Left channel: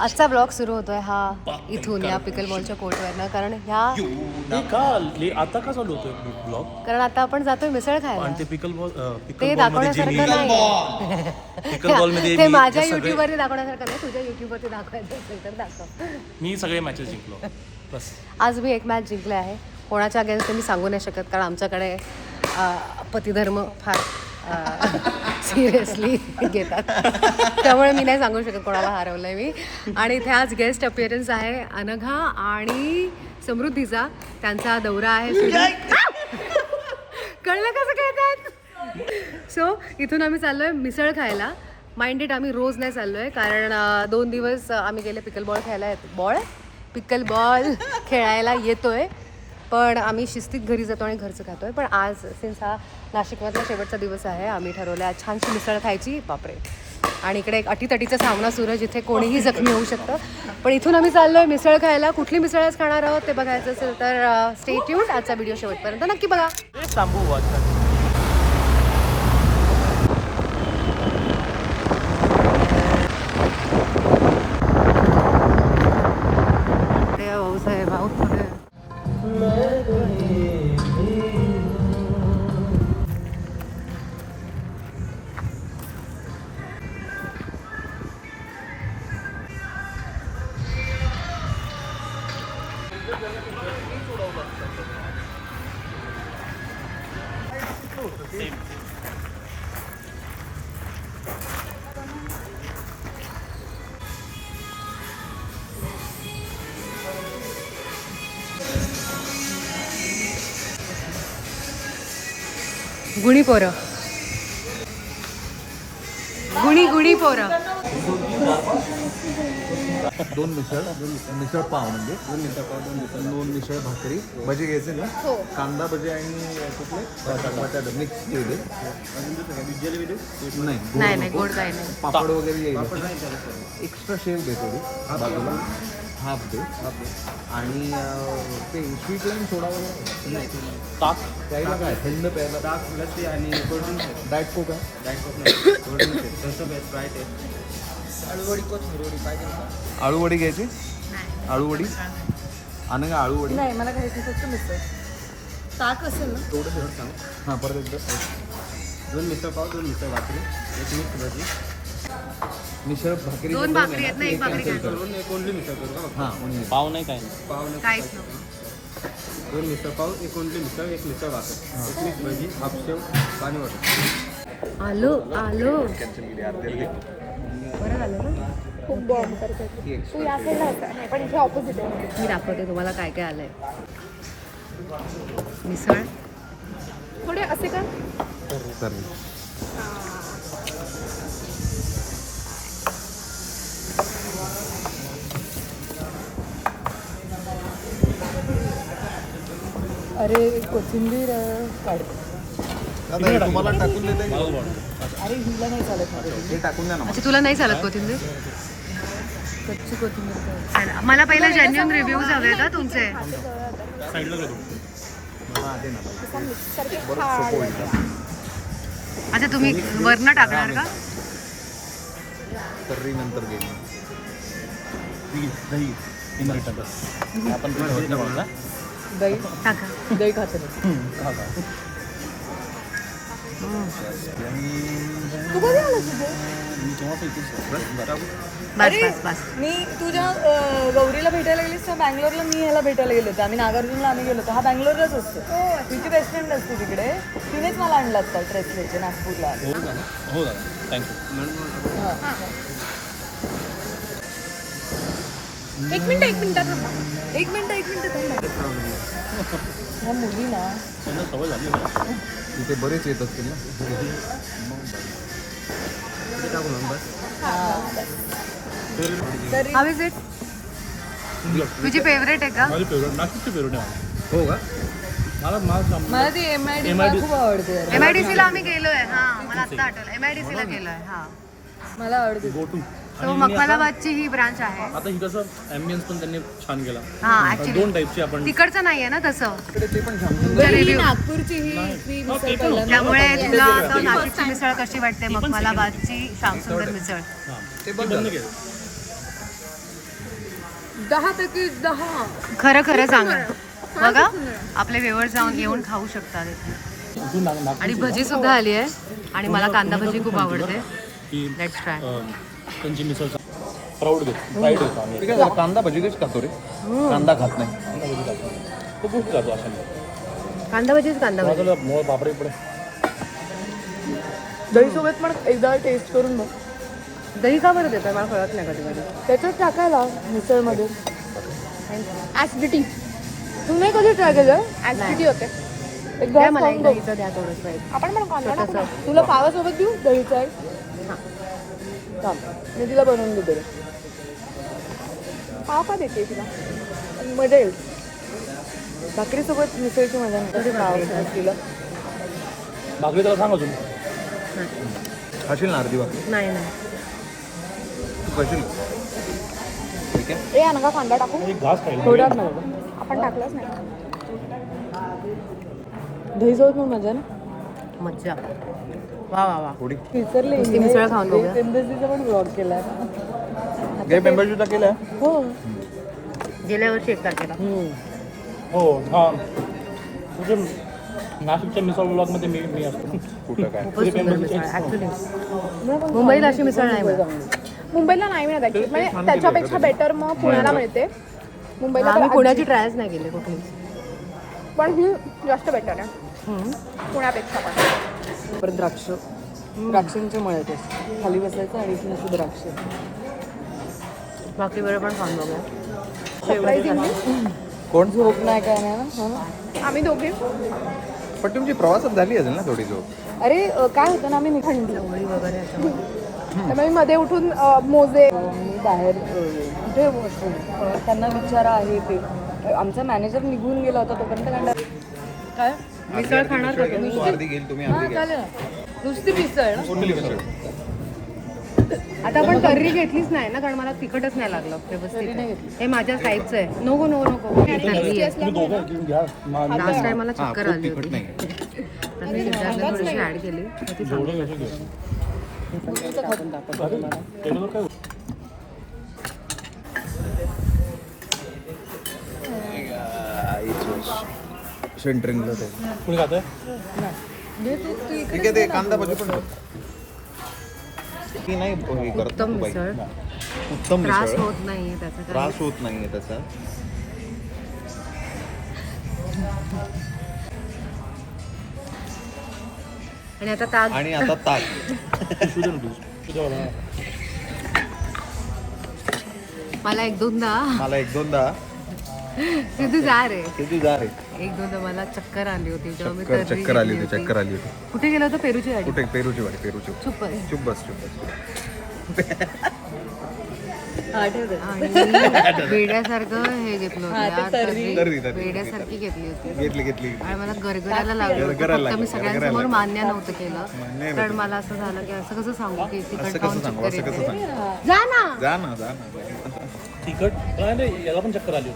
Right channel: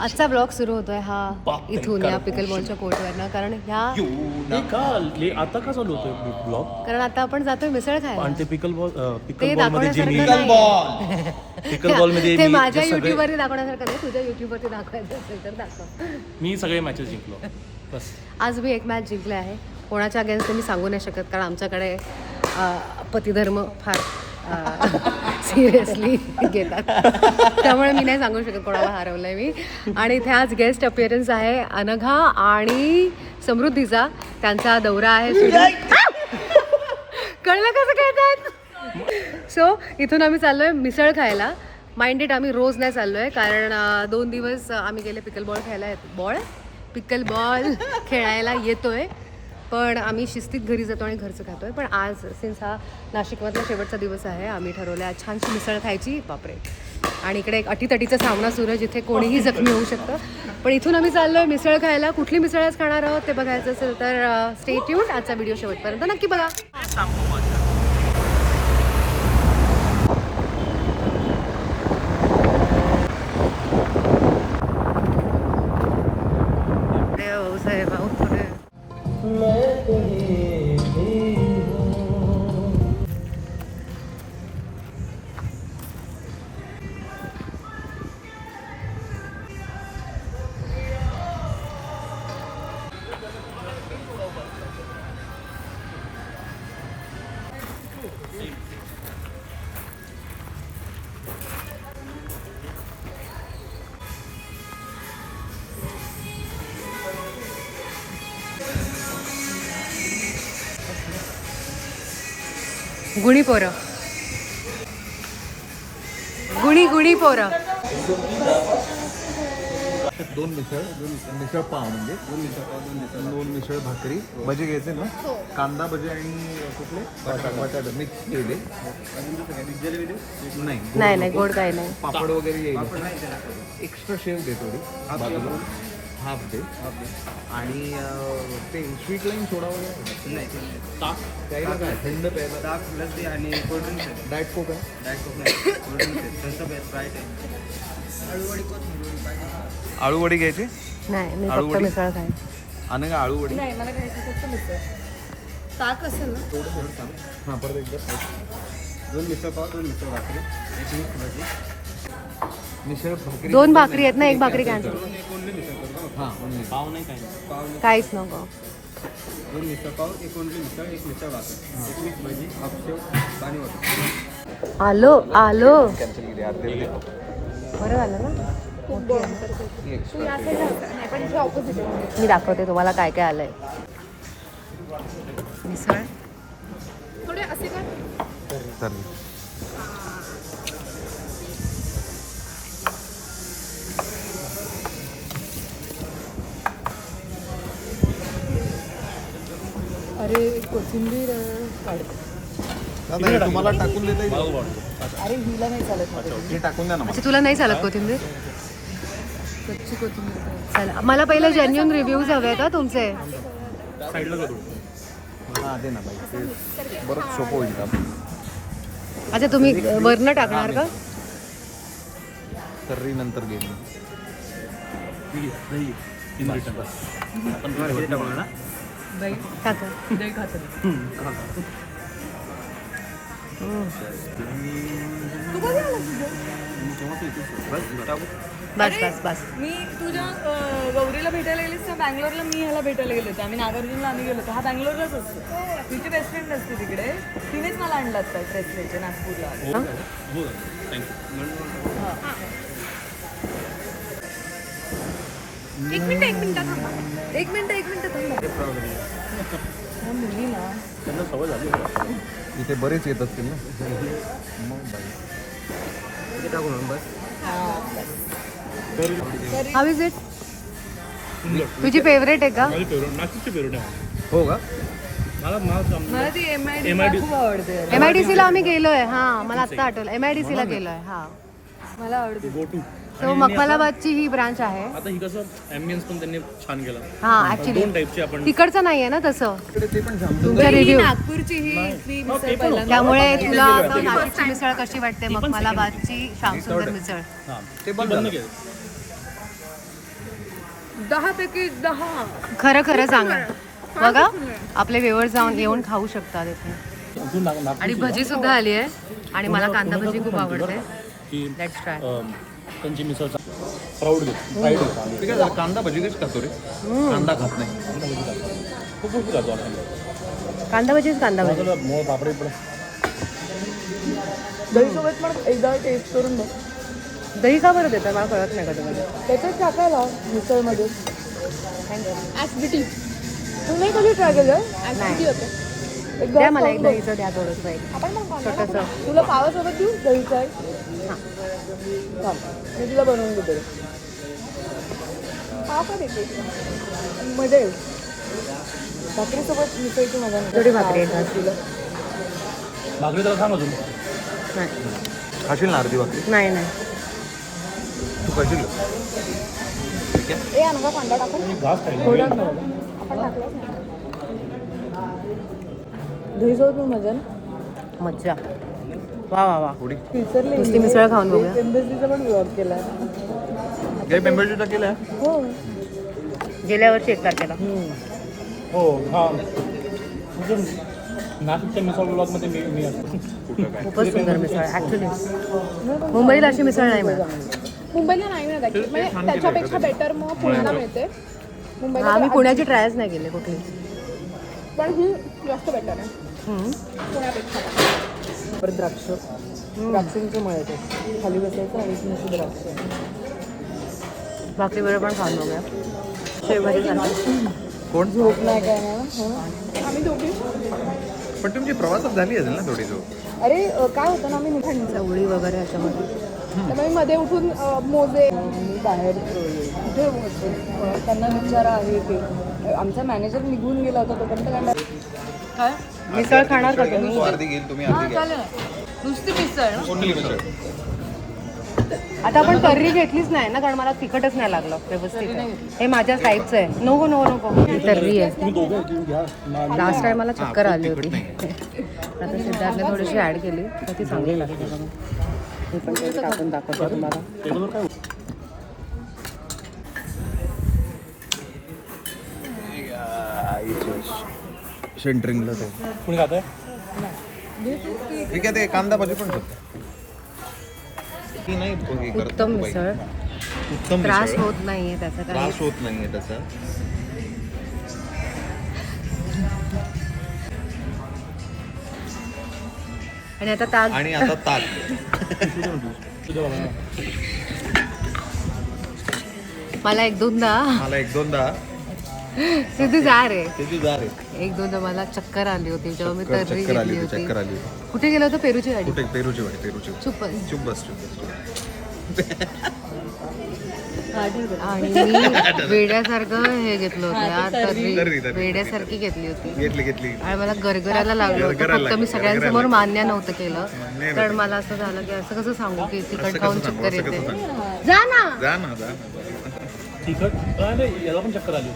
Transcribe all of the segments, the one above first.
आजचा ब्लॉग सुरू होतोय हा इथून या पिकल बॉलच्या कोर्टवरनं कारण ह्या का आता का चालू होतोय ब्लॉग? कारण आता आपण जातोय मिसळ आणि खायला ते पिकल बॉल ते पिकल बॉलमध्ये जे दाखवण्यासारखं मी नाही पिकल बॉलमध्ये ते मी माझ्या सगळे- युट्यूबवरती दाखवण्यासारखं नाही तुझ्या युट्यूबवरती दाखवायचं असेल तर दाखव. मी सगळे मॅचेस जिंकलो. बस. आज मी एक मॅच जिंकले आहे. कोणाच्या अगेन्स्ट मी सांगू नाही शकत कारण आमच्याकडे अ, पतिधर्म फार सिरियसली घेतात. त्यामुळे मी नाही सांगू शकत कोणाला हरवलं आहे मी. आणि इथे आज गेस्ट अपिअरन्स आहे अनघा आणि समृद्धीचा. त्यांचा दौरा आहे सुरू. कळलं कसं कहतात सो इथून आम्ही चाललो आहे मिसळ खायला. माइंडेड आम्ही रोज नाही चाललो आहे कारण दोन दिवस आम्ही गेले पिकल बॉल खेळायला. बॉल पिकल बॉल खेळायला येतोय. पण आम्ही शिस्तीत घरी जातो आणि घरचं खातोय. पण आज सिन्स हा नाशिकमधला शेवटचा दिवस आहे आम्ही ठरवलं आज छानशी मिसळ खायची. बापरे. आणि इकडे एक अटीतटीचा सामना सुरू आहे जिथे कोणीही जखमी होऊ शकतं. पण इथून आम्ही चाललोय मिसळ खायला. कुठली मिसळच खाणार आहोत ते बघायचं असेल तर स्टे ट्यून आजचा व्हिडिओ शेवटपर्यंत नक्की बघा. गुणी पोरं. गुणी गुणी पोरं. दोन मिसळ दोन मिसळ मिसळ पाव म्हणजे. दोन मिसळ पाव दोन मिसळ दोन मिसळ भाकरी. भजी घ्यायचे ना? कांदा भजी आणि कुठले? बटाटा. मिक्स घेऊ दे नाही गोड नाही नाही नको. गोड काही नाही. पापड वगैरे येईल एक्स्ट्रा शेव दे थोडी. बाजूला. हाफ दे. आणि अं, ते स्वीट लाईन सोडा वगैरे नाही ताक. प्यायला काय? थंड प्यायला. ताक लस्सी आणि कोल्ड्रिंक्स आहेत. डाएट कोक आहे? डायट कोक नाही. कोल्ड्रिंक्स आहेत. थम्सअप आहे. स्प्राईट आहे घ्यायची? मी फक्त आळूवडी? मिसळ खाईन. आणि आळूवडी? नाही मला घ्यायची फक्त मिसळ. ताक असेल ना? थोडं थोडं सांग. हां परत एकदा दोन मिसळ पाव दोन मिसळ भाकरी. एक मिक्स भाजी. मिसळ भाकरी दोन भाकरी आहेत ना एक भाकरी. करून एक ओनली मिसळ करू का हां only. पाव नाही काही नाही. पाव नाही काहीच नको. दोन मिसळ पाव एक ओनली मिसळ एक मिसळ भाकर. एक मिक्स भाजी हाफ शेव पाणी वाटर आलो आलो. कॅन्सल केली अर्धी अर्धी. बरं झालं ना? मी दाखवते तुम्हाला काय काय आलंय. मिसळ. तर अरे कोथिंबीर काढ. तुम्हाला टाकून देते. अरे हिला नाही चालत अच्छा तुला नाही चालत कोथिंबीर? कच्ची कोथिंबीर चला. मला पहिले जेन्युन रिव्ह्यूज हवे का तुमचे. अच्छा तुम्ही वरनं टाकणार का? नंतर टाकू. दही. टाका. दही खातो बस बस बस. मी तू जेव्हा अ, गौरीला भेटायला गेलीस तेव्हा बँगलोरला मी ह्याला भेटायला गेलो होतो. आम्ही नागार्जुनला आम्ही गेलो होतो. हा बँगलोरलाच असतो. तिची बेस्ट फ्रेंड असते तिकडे. तिनेच मला आणला होता ट्रेस घ्यायचे नागपूरला. हो दादा थँक्यू एक मिनिट एक मिनिट थांबा. एक मिनिट एक मिनिट थांबा. मुली ना त्यांना सवय झाली. इथे बरेच येत असतील इज इट तुझी फेवरेट आहे का? माझी फेवरेट नाशिकची फेवरेट आहे हो का? मला मला ती एम आय डी MID खूप आवडते. अरे. एम आय डी सीला आम्ही गेलोय. हा मला आता आठवलं. एम आय डी सीला गेलोय. हा. मला आवडते. गो टू सो मखमलाबादची ही ब्रांच आहे. आता ही कसं ॲम्बियन्स पण त्यांनी छान केला. हा ऍक्च्युली दोन टाईपची आपण तिकडचं नाहीये ना तसं. ते पण review. नागपूरची ही मिसळ पहिल्यांदा. त्यामुळे तुला आता नाशिकची मिसळ कशी वाटते? मखमलाबादची श्यामसुंदर मिसळ. हां ते बंद केलं. दहा पैकी दहा. खरं खरं सांगा. बघा आपले वेवर जाऊन येऊन खाऊ शकतात इथे. आणि भजी सुद्धा आली आहे. आणि मला कांदा भजी खूप आवडते. ही लेट्स ट्राय अं, त्यांची मिसळ प्राऊड घेतो. प्राईड घेतो. ठीक आहे कांदा भजी कशी खातो रे? कांदा खात नाही. तो कांदा भजीच कांदा भजी. मोळ बापरे पुढे. दहीसोबत पण एकदा टेस्ट करून बघ. दही का बरं देतात मला कळत नाही कधी कधी. त्याच्यात टाकायला मिसळमध्ये. थँक्यू तुम्ही कधी ट्राय केलं? ऍसिडिटी होते. द्या मला एक दहीचं द्या थोडंसं एक. छोटंसं. तुला पावासोबत देऊ? दहीचा? हां हा. मी तिला बनवून देते. पाव का देते? मजा येईल. भाकरीसोबत मिसळची मजा नाही. थोडी भाकरी आहे तिला भाकरी त्याला सांग अजून. खाशील ना अर्धी भाकरी? नाही नाही. तू खाशील? ठीक आहे. घास खायला थोडा आपण टाकलंच नाही. दहीसोबत पण मजा ना? मज्जा. वा वा वा. थोडी. विसरले नुसती मिसळ खाऊन बघूया. एम्बेसीचा पण ब्लॉग केला. जय पेंबरचा केला? गेल्या वर्षी एक तारखेला. हो. हां म्हणजे नाशिकच्या मिसळ ब्लॉगमध्ये मी मी असतो. कुठं काय? खूपच सुंदर मिसळ ॲक्च्युली मुंबईला अशी मिसळ नाही मिळत. मुंबईला नाही मिळत actually. म्हणजे त्याच्यापेक्षा बेटर मग पुण्याला मिळते. मुंबईला हा मी पुण्याची ट्रायच नाही केली कुठली पण ही जास्त बेटर आहे. हम्म. पुण्यापेक्षा पण परत द्राक्ष द्राक्षांची मळत असते. खाली बसायचं आणि द्राक्ष. वेळ पण खाऊन बघूया. शेवभाजी सारखी कोण नाही काय ना आम्ही दोघे. पण तुमची प्रवासात झाली असेल ना थोडी जो अरे काय होतं ना आम्ही निघाली. चवळी वगैरे याच्यामध्ये. त्यामुळे मध्ये उठून मोजे. बाहेर? त्यांना निघणारा आहे ते आमचा मॅनेजर निघून गेला होता तोपर्यंत. काय? मिसळ खाणार का तुम्ही? तू अर्धी घेईल तुम्ही अर्धी घ्या. चालेल. नुसती मिसळ. ना? मिसळ. आता आपण कर्री घेतलीच नाही ना कारण मला तिखटच नाही लागलं व्यवस्थित. हे माझ्या साईजचं आहे. नको नको नको. तर्री आहे. तुम्ही दोघं घेऊन घ्या. मा- लास्ट टाइम मला हा, चक्कर आली तिखट होती. नाही. आता सिद्धार्थने थोडीशी ऍड केली तर ती चांगली. ही पण दाखवते. टेबलवर काय होतं? सेंटरिंगला ते कोणी खातंय? ठीक आहे ते कांदा भजी पण ती नाही करत उत्तम. मिसळ. उत्तम त्रास. होत नाहीये त्याचा काही. त्रास होत नाहीये त्याचा. आणि आता ताक. आणि आता ताक. मला एक दोनदा. मला एक दोनदा. सिद्धी जा रे. किती जा रे. एक दोनदा मला चक्कर आली होती तेव्हा मी चक्कर तर्री चक्कर आली घेतली होती होती. चक्कर आली होती. कुठे गेलो होतो पेरूची गाडी? कुठे? पेरूची वाडी पेरूची चुप चुप बस चुप बस आणि वेड्यासारखं हे घेतलं होतं यार तर्री. तर्री, तर्री. वेड्यासारखी घेतली होती. घेतली घेतली. आणि मला गरगरायला लागलं होतं फक्त मी सगळ्यांसमोर मान्य नव्हतं केलं. कारण मला असं झालं की असं कसं सांगू की कसं खाऊन चक्कर येते? जा ना. जा ना जा ना, तिखट याला पण चक्कर आली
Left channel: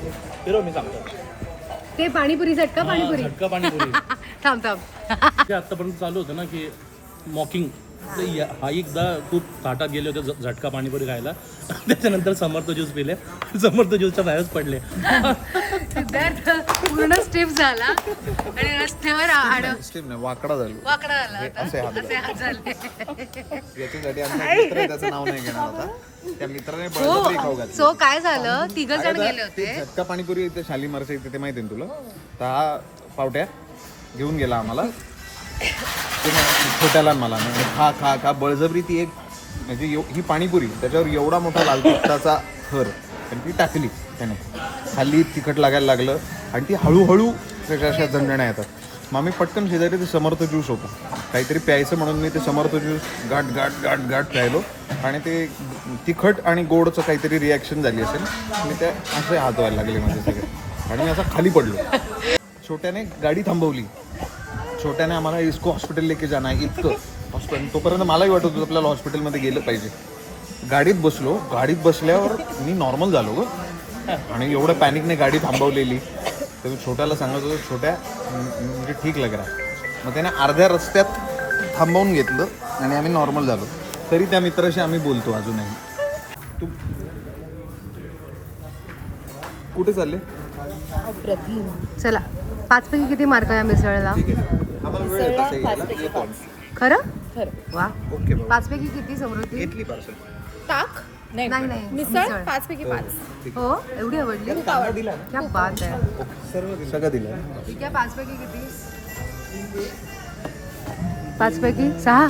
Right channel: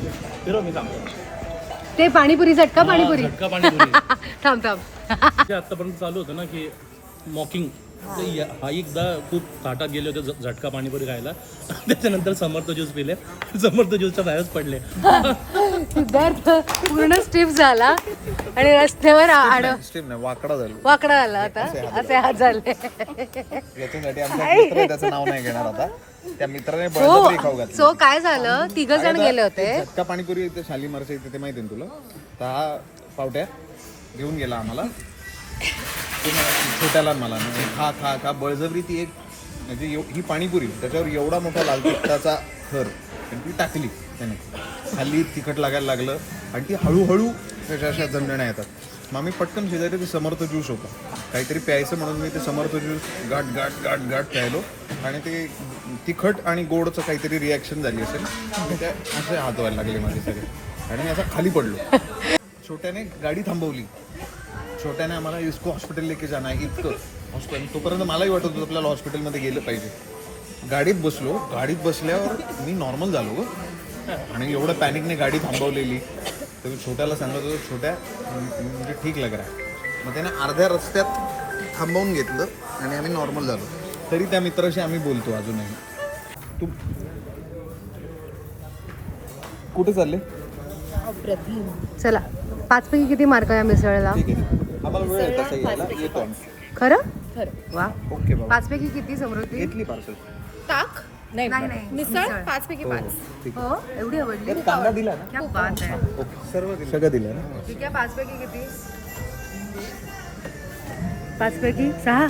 फिरव मी सांगतो ते पाणीपुरी झटका पाणीपुरी. झटका पाणीपुरी. थांब थांब. ते आतापर्यंत चालू होतं ना की मॉकिंग. हा एकदा खूप ताटात गेले होते झटका पाणीपुरी खायला. त्याच्यानंतर समर्थ ज्यूस पिले. समर्थ ज्यूसच्या बाहेरच पडले. सिद्धार्थ पूर्ण स्टिफ झाला आणि रस्त्यावर आड स्टीम नाही वाकडा झालो. वाकडा आला आता. असे हात असे हात झाले. याच्यासाठी आमचा मित्र आहे, त्याचं नाव नाही घेणार आता. त्या मित्राने हो बळजबरी खाऊ घातली. सो काय झालं? तिघ जण गेले होते. झटका पाणीपुरी इथे शालीमारच्या इथे ते माहिती आहे ना तुला? तर हा पावट्या घेऊन गेला आम्हाला. ते म्हणे, छोट्याला आणि मला म्हणे, खा खा खा. बळजबरी ती एक म्हणजे एव- ही पाणीपुरी त्याच्यावर एवढा मोठा लाल तिखटाचा थर पण ती टाकली. त्याने खाली तिखट लागायला लागलं आणि ती हळूहळू त्याच्या अशा जमण्याने येतात. मग आम्ही पटकन शेजारी ते समर्थ ज्यूस होतं. काहीतरी प्यायचं म्हणून मी ते समर्थ ज्यूस गाठ गाठ गाठ गाठ प्यायलो. आणि ते तिखट आणि गोडचं काहीतरी रिॲक्शन झाली असेल. मी त्या असे हात व्हायला लागले माझे सगळे. आणि मी असा खाली पडलो. छोट्याने गाडी थांबवली. छोट्याने आम्हाला इस्को हॉस्पिटल लेके जाणं आहे इतकं. हॉस्पिटल तोपर्यंत मलाही वाटत होतं आपल्याला हॉस्पिटलमध्ये गेलं पाहिजे. गाडीत बसलो. गाडीत बसल्यावर मी नॉर्मल झालो गं. आणि एवढं पॅनिकने गाडी थांबवलेली. तर मी छोट्याला सांगत होतो छोट्या म्हणजे ठीक लग रहा. है." मग त्याने अर्ध्या रस्त्यात थांबवून घेतलं आणि आम्ही नॉर्मल झालो. तरी त्या मित्राशी आम्ही बोलतो अजूनही. तू कुठे चालले? चला पाचपैकी किती मार्क आहे या मिसळला? आम्हाला वेळ आहे पाच खरं? खरं. वा. ओके मग. पाचपैकी किती समृद्धी? घेतली पार्सल ताक नाही नाही नाही. मिसळ पाच पैकी पाच. हो एवढी आवडली? क्या बात आहे. सर्व दिलं. सगळं दिलं. ठीक आहे पाचपैकी किती? पाचपैकी सहा?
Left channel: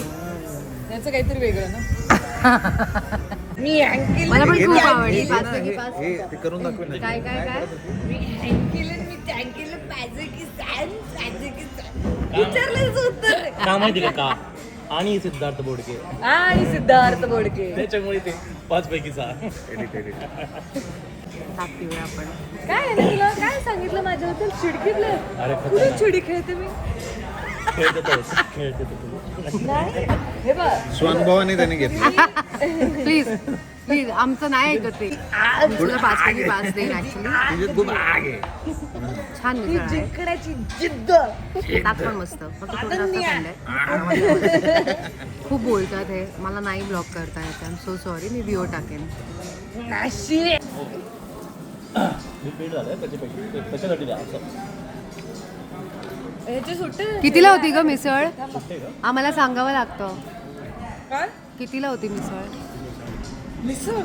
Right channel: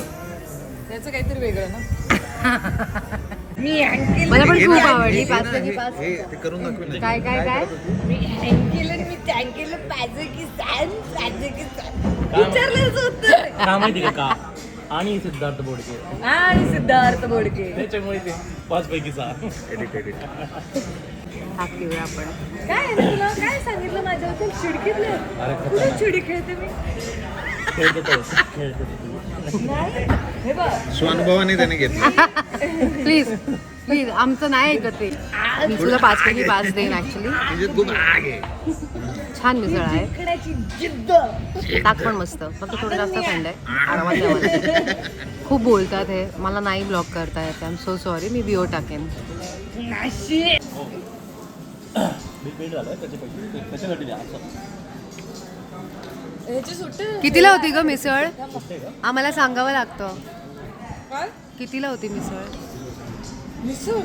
त्याचं काहीतरी वेगळं ना. मी अँकिल मला पण हे खूप आवडली. हे- हे पाच पैकी हे- पाच. हे ते करून दाखवे ना. काय काय काय? केलं मी काय केलं पाहिजे की सॅन पाहिजे की? सॅन उत्तर. माहिती का का? आणि सिद्धार्थ बोडके. आणि सिद्धार्थ बोडके. त्याच्यामुळे ते पाच पैकी सहा एडिट एडिट हात पिऊया आपण. काय आहे तुला काय सांगितलं माझ्याबद्दल चिडकीतलं? अरे कुठे चिडी खेळते मी? खेळतो तो, खेळतो तो. हे बघ. स्वानुभवाने त्याने घेतलं. प्लीज प्लीज आमचं नाही ऐकत ते. मी तुला पाच पैकी पाच देईन ऍक्च्युली खूप आहे. छान मिसळ आहे. जिद्द. ताक पण मस्त. फक्त थोडं जास्त थंड आहे. आरामात जेवायला. खूप बोलतात हे. मला नाही ब्लॉक करता येत. आय एम सो सॉरी मी व्हिओ टाकेन. नाशी मी पेड झालंय. त्याचे पैसे ते- त्याच्यासाठी द्या असं. याची सुट्टे कितीला होती ग मिसळ? आम्हाला सांगावं लागतं. काय? कितीला होती मिसळ? मिसळ?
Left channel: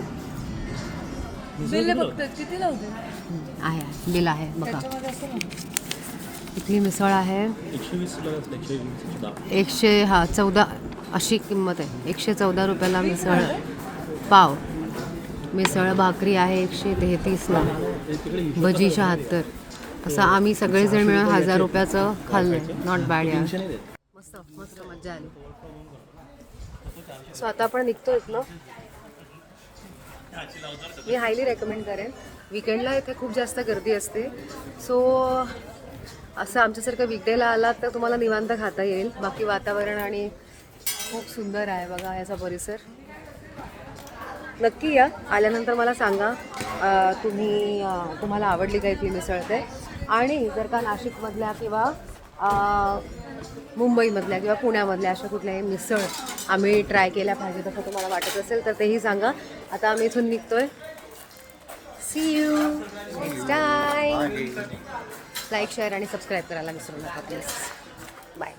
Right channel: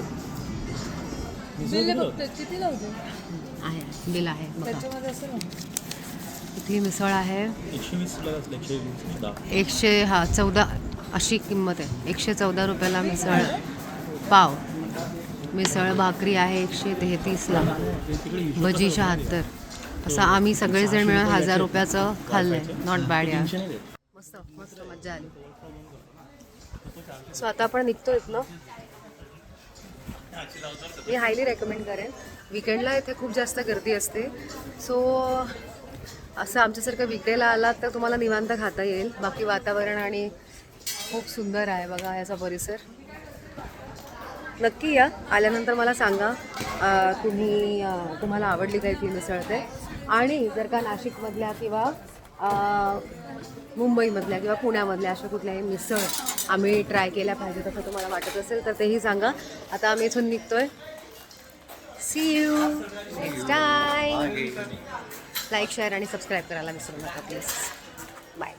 बिल बघतोय किती लावते? आहे बिल आहे बघा. त्याच्यामध्ये असं ना किती मिसळ आहे. एकशे वीस हा चौदा अशी किंमत आहे. एकशे चौदा रुपयाला मिसळ. पाव. मिसळ भाकरी आहे एकशे तेहतीसला. भजी शहात्तर. असं आम्ही सगळेजण मिळून हजार रुपयाचं खाल्लंय. नॉट बॅड यार मस्त मस्त मजा आली. सो आता आपण निघतो इथनं. मी हायली रेकमेंड करेन. विकेंडला इथे खूप जास्त गर्दी असते. सो असं आमच्यासारखं विकडेला आलात तर तुम्हाला निवांत खाता येईल. बाकी वातावरण आणि खूप सुंदर आहे बघा याचा परिसर. नक्की या. आल्यानंतर मला सांगा तुम्ही तुम्हाला आवडली काय ती मिसळ ते आणि जर का नाशिकमधल्या किंवा मुंबईमधल्या किंवा पुण्यामधल्या अशा कुठल्याही मिसळ आम्ही ट्राय केल्या पाहिजेत असं तुम्हाला वाटत असेल तर तेही सांगा. आता आम्ही इथून निघतोय. See you next time like share आणि सबस्क्राईब करायला विसरू नका प्लीज बाय